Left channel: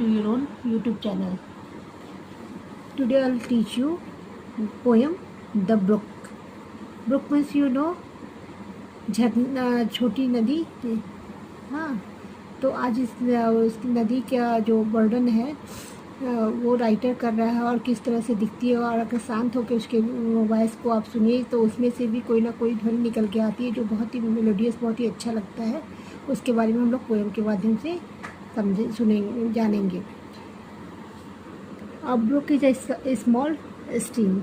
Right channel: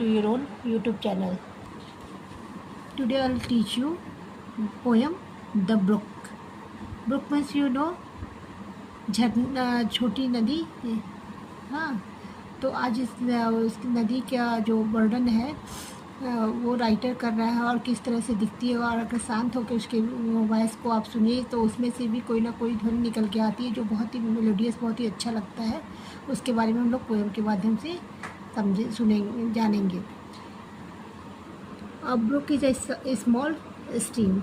to your own YouTube channel. Today I'll teach you poem The Brook. Brook means झरना, छोटी नदी। हाँ, तो आज उस नदी का जो वर्णन है वो राइटर कर रहा है और किस तरह से दिखती है, और अगर शांत होकर उसके वॉइस को आप सुनिए तो उसमें से भी कोई ना कोई ध्वनि निकल के आती है जो बहुत ही मेलोडियस, बहुत ही अच्छा लगता है। उसके बारे में हम लोग पोएम के माध्यम से सुनेंगे, जानेंगे। अब brook is a small stream.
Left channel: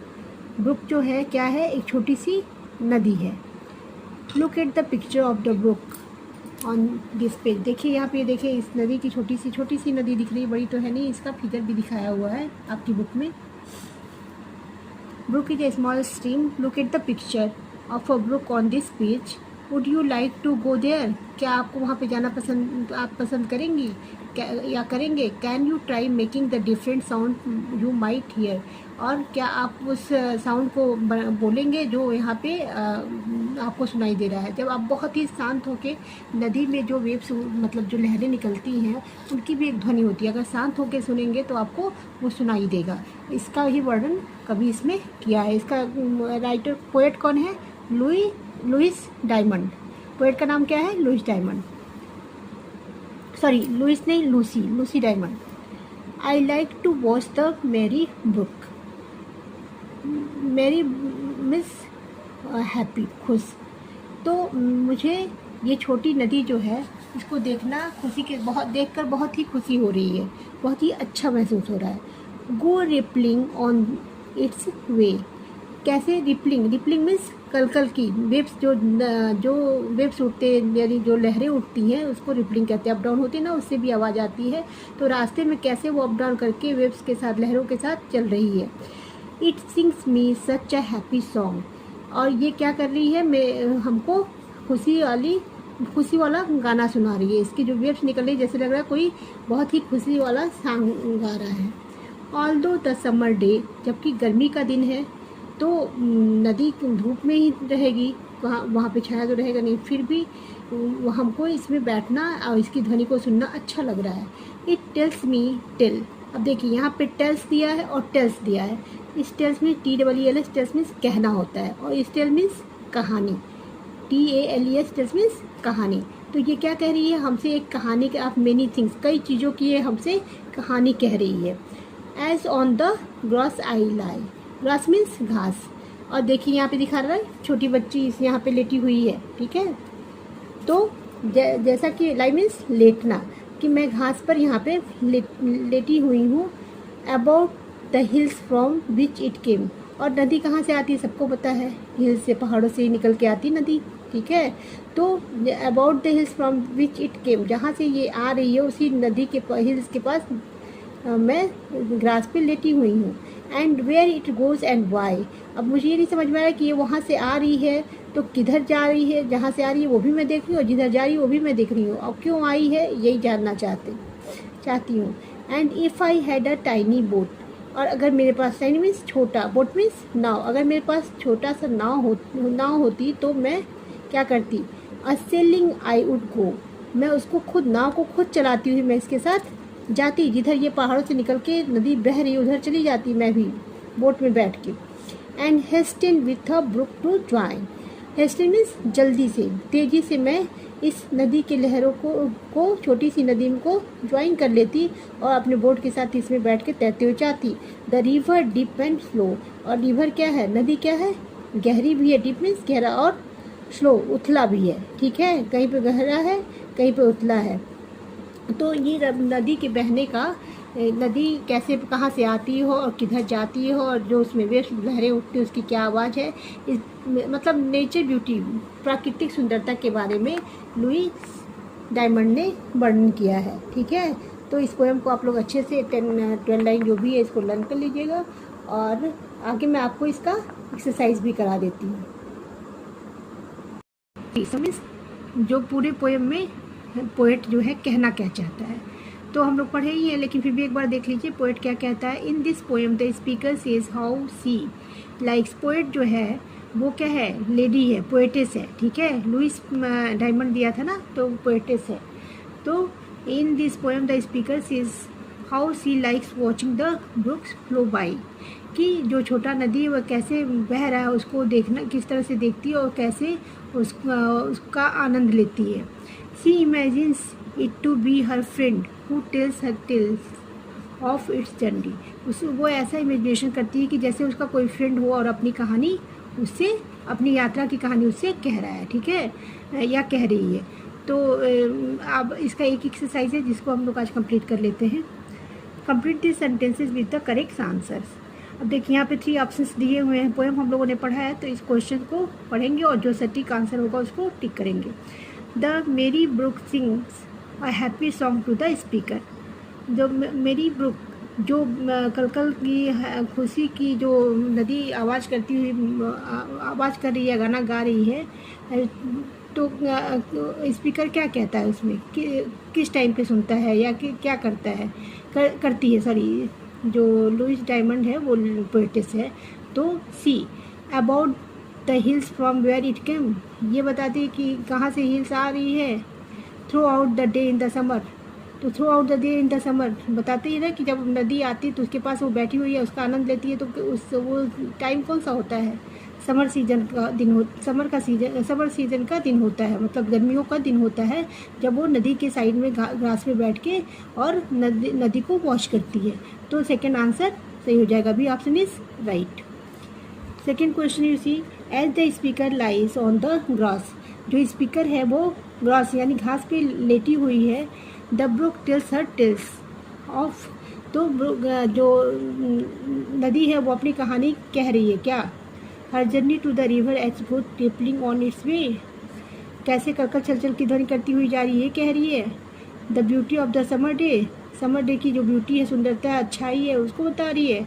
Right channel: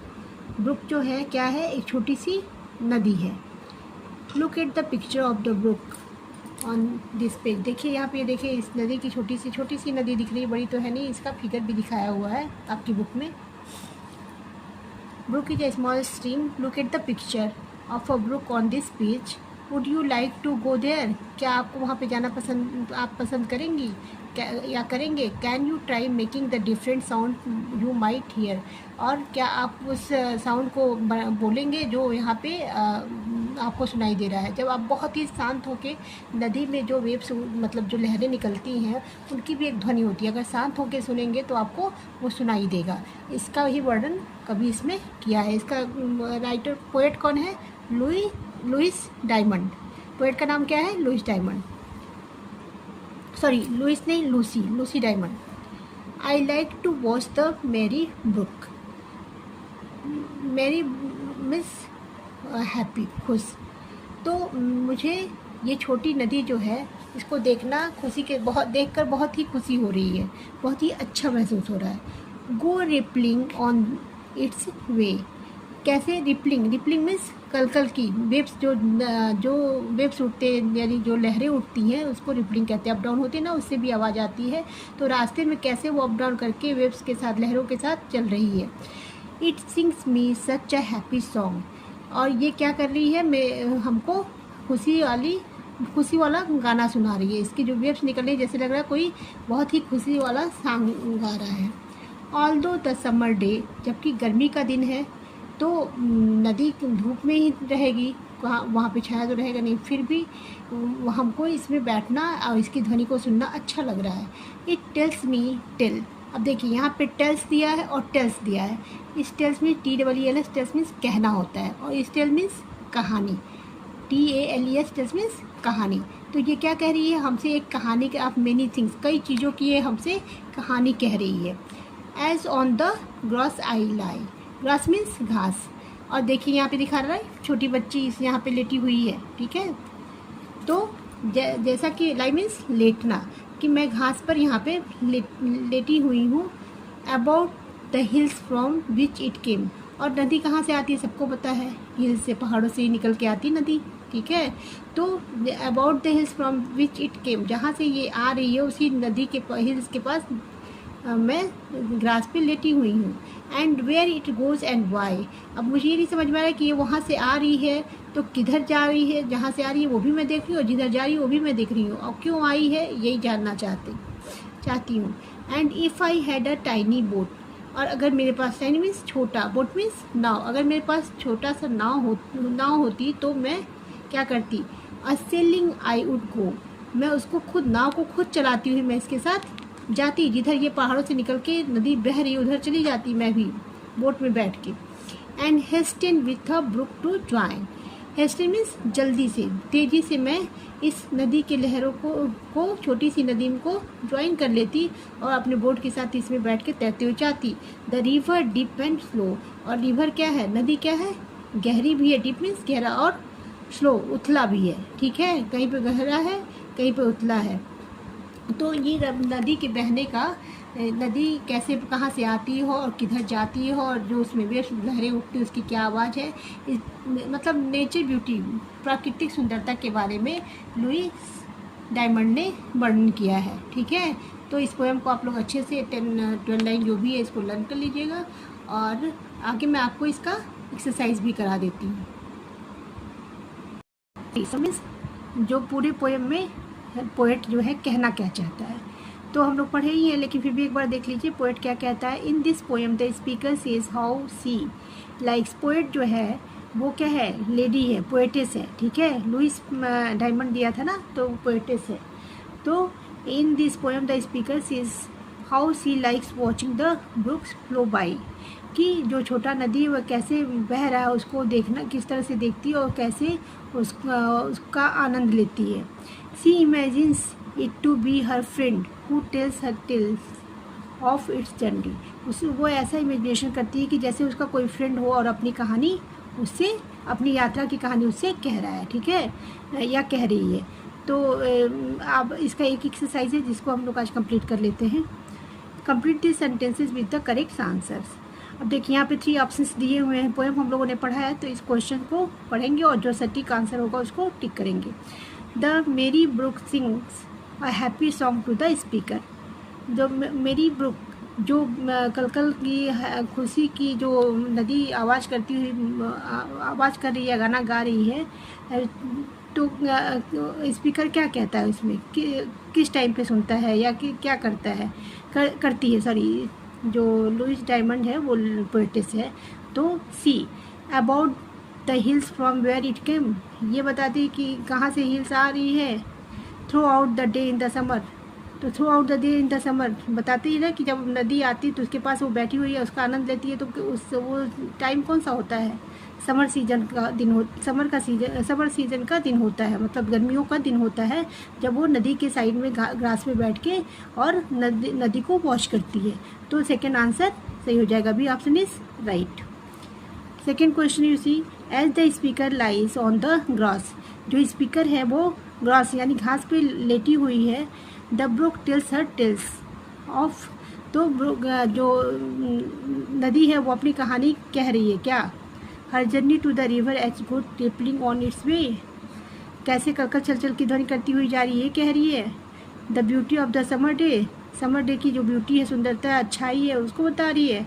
Brook जो है क्या है, एक छोटी सी नदी है। Look at the picture of the brook on this page. देखिए यहाँ पे, देखिए इस नदी की छोटी सी नदी दिख रही है, बड़ी तो है नहीं। इसका फिगर भी दिखाया हुआ है आपकी बुक में। Brook is a small stream. Look at the picture of a brook on this page. Would you like to go there? क्या आपको वहाँ पे जाना पसंद करेंगी या करेंगे? Can you try making the different sound you might hear? और क्या आप उस साउंड को बोलेंगे जो यहाँ पे आपको सुनाई दे रहा है। जब आप बहुत ही शांत होके नदी में जो वेव्स, मतलब जो लहरें निकलती हैं, उनकी भी एक ध्वनि होती है। अगर शांत होके सुनेंगे तो आपको वो सुनाई देगा। इसका ही वर्णन कभी इसमें किया है। इसका राइटर, पोएट कौन है? Louis diamond. पोएट का नाम क्या है? Louis Diamond. सॉरी, लुइस नहीं, Lucy Diamond. I like to watch the merry brook. Merry miss happy, खुश। तो मुझे ये छोटी नदी जो है, इसको देखना देखकर बहुत ही खुशी हो रही है, बहुत ही अच्छा महसूस हो रहा है। गो रिपलिंग ऑन इट्स वे। कैसे? रिपलिंग मीन्स कलकल की वेव्स, जो वेव्स उठते हैं, यानी जो लहरें उठती हैं उसको रिपलिंग कहते हैं। अप डाउन होती है ना, उससे भी आवाज़ आती है। तो रास्ते में कैसे वो अप डाउन करके वेव्स के साथ, लहरों के साथ चल रही है। It sings me such a happy song. और ये क्या कर रही है, हमको खुशी वाला गाना सुना रही है। इसकी जो वेव्स निकल रही है, जैसे लग रहा है कोई बहुत ही खुशी वाला सॉन्ग गा रहा है। ऑल्दो द समर डे, जबकि गर्मी का दिन है तो नदी धूप में ही रहेगी, वहाँ पे छाया तो रहेगा नहीं। फिर भी हमको इसमें बैठना और इसकी ध्वनि को सुनना अच्छा लग रहा है। It tells me tale. अब देखिए यहाँ पे टेल्स दिया है और टेल्स दिया है। इस टेल्स में TELS, टेल्स मीन्स कहना होता है, और इस टेल मीन्स कहानी। TALES, टेल्स मीन्स कहानी। तो ये क्या कह रही है हमसे? एक कहानी के ऑफ मेनी थिंग्स, कई चीज़ों की ये हमसे कहानी कह रही है। As on the grass I lie. Grass means घास। और देखिए यहाँ पे दिखा रहा है छोटी बच्ची यहाँ पे लेटी हुई है, ठीक है। तो जैसा कि लाई मीन्स लेटना, कि मैं घास पर यहाँ पे लेटी हुई हूँ। About the hills from which it केम। और नदी कहाँ से आती है सबको पता है, हिल्स से, पहाड़ों से ही निकल के आती नदी, ठीक है। तो about the hills from which it केम, जहाँ से ये आ रही है उसी नदी के हिल्स के पास मैं ग्रास पे लेटी हुई हूँ। And where it goes and why. अब मुझे ये नहीं समझ में आ रहा है कि ये वहाँ से आ रही है तो किधर जा रही है। जहाँ से आ रही है वो भी मैं देख रही हूँ, और जिधर जा रही है वो भी मैं देख रही हूँ, और क्यों आई है यही जानना चाहती हूँ। And if I had a tiny boat. और अगर मेरे पास, टाइनी मीन्स छोटा, बोट मीन्स नाव, अगर मेरे पास छोटा सा नाव होती तो मैं क्या करती? A selling I would go. मैं उसको नाव को खुद चलाती हुई मैं इसके साथ जाती, जिधर ये पहाड़ों से निकल के नदी बह रही उधर चली जाती मैं भी बोट में बैठ के। And hasten with a brook to join. Hasten means जल्दी से, तेजी से मैं इस नदी के लहरों को छोटी सी नदी को ज्वाइन कर लेती और अपने बोट के साथ इसमें बैठ के तैरते हुए जाती। The river deep and slow. और रिवर क्या है, नदी क्या है? गहरी भी है, डीप मीन्स गहरा, और स्लो उथला भी है, ठीक है। कहीं पे गहरा है, कहीं पे उथला है। तो ये नदी के बहने का, नदी कैसे, कहाँ से आती हो और किधर जाती हो, और जो उसमें वेव्स, लहरें उठती है, उसकी क्या आवाज़ है, मतलब नेचर ब्यूटी, प्राकृतिक सुंदरता के बारे में लुइस डायमंड ने वर्णन किया है, ठीक है। तो इस पोएम को आप लोग अच्छे से 10-12 लाइन जो भी है इसको लर्न कर लीजिएगा, और आगे मैं आपको इसका एक्सरसाइज भी करा देती हूँ। जो पूरे पोएम में पोएट जो है कहना क्या चाहता है, तो हम लोग पढ़े ही है, लेकिन फिर भी एक बार देख लीजिए पोएट क्या कहता है। In this poem the speaker says how she likes. Poet जो है वो क्या है? लेडी है, पोएटेस है, ठीक है। लुइस डायमंड दिया था ना, तो पोएटेस है। तो in this poem the speaker says how she likes watching the brook's flow by, कि जो छोटा नदी है वह कैसे बह रहा है उसको देखना, किस तरह से देखती है और कैसे उसका आनंद लेती है. She imagines it to be her friend who tells her tales of its journey. वो ऐसा इमेजिनेशन करती है कि जैसे उसका कोई फ्रेंड हो और अपनी कहानी उससे, अपनी यात्रा की कहानी उससे कह रहा है, ठीक है, या कह रही है. तो अब इसका एक एक्सरसाइज है जिसको हम लोग आज कंप्लीट कर लेते हैं. Complete this sentences with the correct answers. अब देखिए यहाँ पे 3 ऑप्शंस दिए हुए हैं. पोएम हम लोगों ने पढ़ा है तो इस क्वेश्चन को पढ़ेंगे और जो सटीक आंसर होगा उसको टिक करेंगे. The merry brook sings a happy song to the speaker. जो मेरी ब्रुक, जो कलकल की खुशी की जो नदी आवाज़ करती हुई आवाज़ कर रही है, गाना गा रही है, तो स्पीकर क्या कहता है उसमें, किस टाइम पे सुनता है या क्या करता है, करती है, सॉरी, जो लुइस डायमंड है वो पोएटिस है. तो C about the hills from where it came, ये बताती है कि कहाँ से हिल्स आ रही है. Throughout the day in the summer, तो throughout the day in the summer बताती है ना कि जब नदी आती है तो उसके पास वो बैठी हुई है, उसका आनंद लेती है. तो वो टाइम कौन सा होता है, समर सीजन का दिन हो, समर सीजन का दिन होता है, मतलब गर्मियों का दिन होता है, जब वो नदी के साइड में ग्रास में बैठ के और नदी को वॉश करती है. तो सेकेंड आंसर सही हो जाएगा, B option is right. Second question you see, as the speaker lies on the grass, जो स्पीकर है वो ग्रास यानी घास पे लेटी हुई है. The brook tells her tales of, तो जो नदी है वो अपनी कहानी कह रही है क्या. Her journey to the river each boat tippling on its way, कैसे कलकल चल की ध्वनि करती हुई जा रही है, कह रही है. The beauty of the summer day, summer day की जो ब्यूटी है, सुंदरता, अच्छाई है, उसको बता रही है.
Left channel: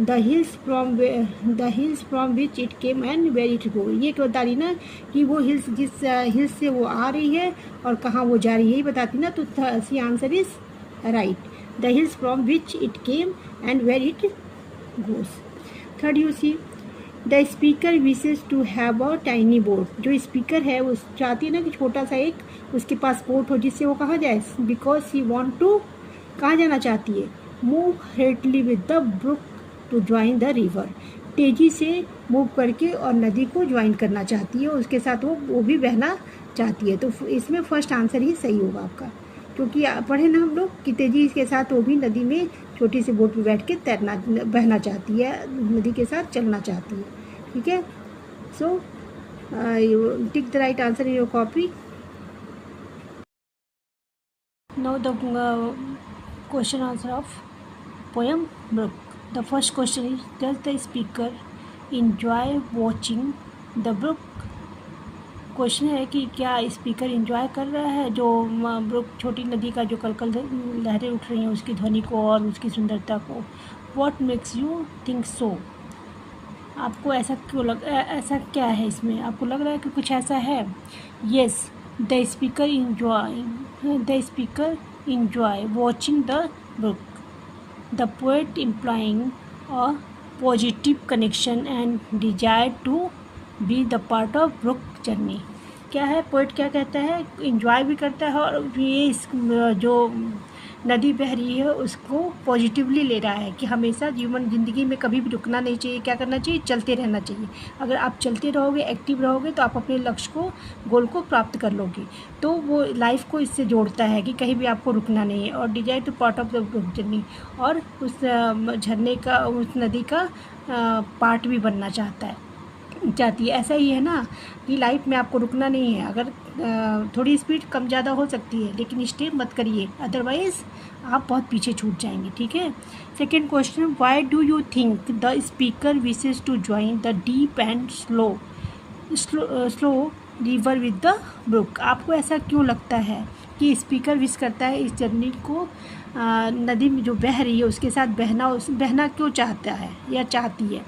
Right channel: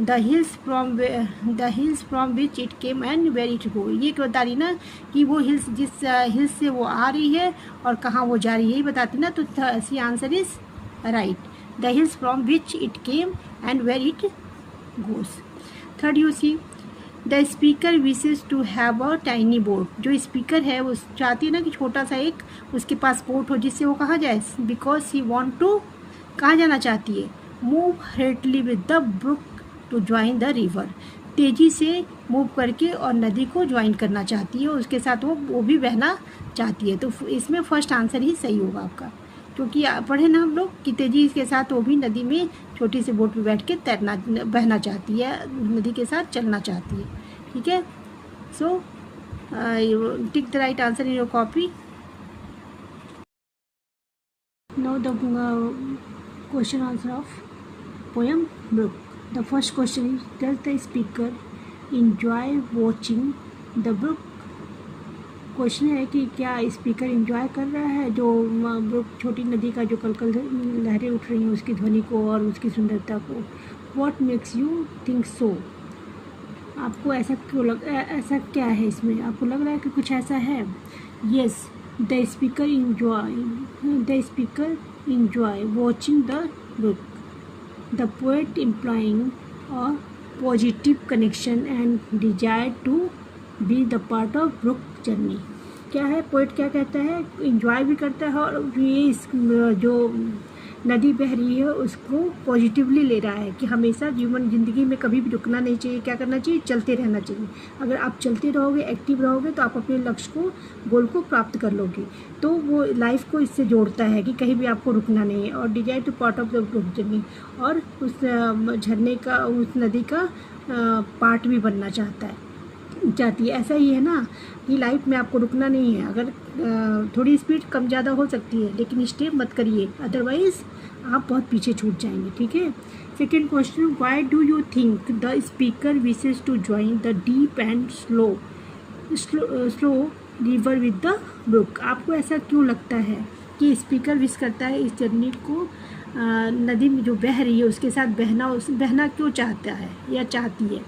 The hills from which it came and where it go, ये बता रही ना कि वो हिल्स, जिस हिल्स से वो आ रही है और कहाँ वो जा रही है, यही बताती ना. तो C answer is right, the hills from which it came and where it goes. Third you see, the speaker wishes to have a tiny boat, जो स्पीकर है वो चाहती है ना कि छोटा सा एक उसके पास बोट हो जिससे वो कहाँ जाए. बिकॉज सी वॉन्ट टू, कहाँ जाना चाहती है, move heartily with the brook to join the river, तेजी से मूव करके और नदी को ज्वाइन करना चाहती है, उसके साथ वो भी बहना चाहती है. तो इसमें फर्स्ट आंसर ही सही होगा आपका, क्योंकि पढ़े ना हम लोग कि तेजी के साथ वो भी नदी में छोटी सी बोट में बैठ के बहना चाहती है, नदी के साथ चलना चाहती है. ठीक है. So tick the right answer in your copy. Now the question answer of poem brook. The first question is, does the speaker enjoy watching the brook? Question है कि क्या स्पीकर इंजॉय कर रहा है जो ब्रुक, छोटी नदी का जो कलकल लहरें उठ रही हैं उसकी ध्वनि को और उसकी सुंदरता को. What makes you think so? आपको ऐसा क्यों ऐसा क्या है इसमें, आपको लग रहा है कि कुछ ऐसा है. Yes, the speaker enjoy watching the brook. The poet implying a positive connection and desire to be the part of brook journey. क्या है, पोएट क्या कहता है, इंजॉय भी करता है और ये जो नदी बह रही है उसको पॉजिटिवली ले रहा है कि हमेशा ज़िंदगी में कभी भी रुकना नहीं चाहिए, क्या करना चाहिए, चलते रहना चाहिए. अगर आप चलते रहोगे, एक्टिव रहोगे तो आप अपने लक्ष्य को, गोल को प्राप्त कर लोगे. तो वो लाइफ को इससे जोड़ता है कि कहीं भी आपको रुकना नहीं है. और desire to part of the brook journey, और उस झरने का, उस नदी का पार्ट भी बनना चाहती है. ऐसा ही है ना कि लाइफ में आपको रुकना नहीं है. अगर थोड़ी स्पीड कम ज़्यादा हो सकती है लेकिन स्टे मत करिए, अदरवाइज़ आप बहुत पीछे छूट जाएंगे. ठीक है. Second question, why do you think the speaker wishes to join the deep and slow river with the brook. आपको ऐसा क्यों लगता है कि स्पीकर विश करता है इस जर्नी को, नदी में जो बह रही है उसके साथ बहना क्यों चाहता है या चाहती है.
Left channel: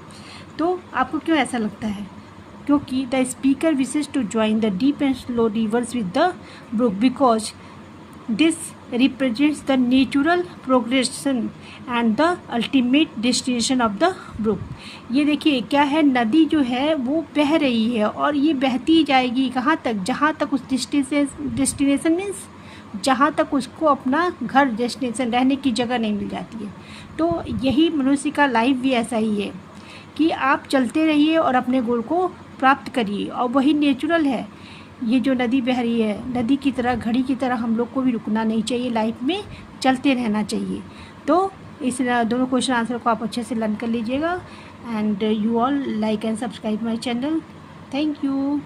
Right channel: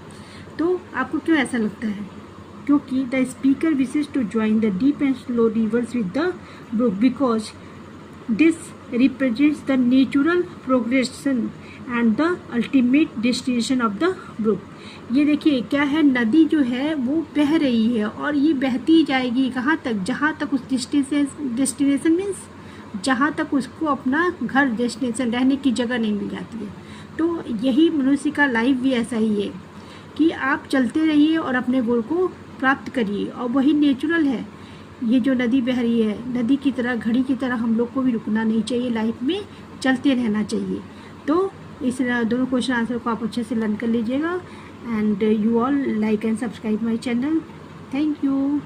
तो आपको क्यों ऐसा लगता है, क्योंकि the speaker wishes to join the deep and slow rivers with the brook because this represents the natural progression and the ultimate destination of the brook. ये देखिए क्या है, नदी जो है वो बह रही है और ये बहती जाएगी कहाँ तक, जहाँ तक उस डेस्टिनेशन मीन्स जहाँ तक उसको अपना घर डेस्टिनेशन रहने की जगह नहीं मिल जाती है। तो यही मनुष्य का लाइफ भी ऐसा ही है कि आप चलते रहिए और अपने गोल को प्राप्त करिए, और वही नेचुरल है। ये जो नदी बह रही है, नदी की तरह, घड़ी की तरह हम लोग को भी रुकना नहीं चाहिए, लाइफ में चलते रहना चाहिए। तो इस दोनों क्वेश्चन आंसर को आप अच्छे से लर्न कर लीजिएगा। And you all like and subscribe my channel. Thank you.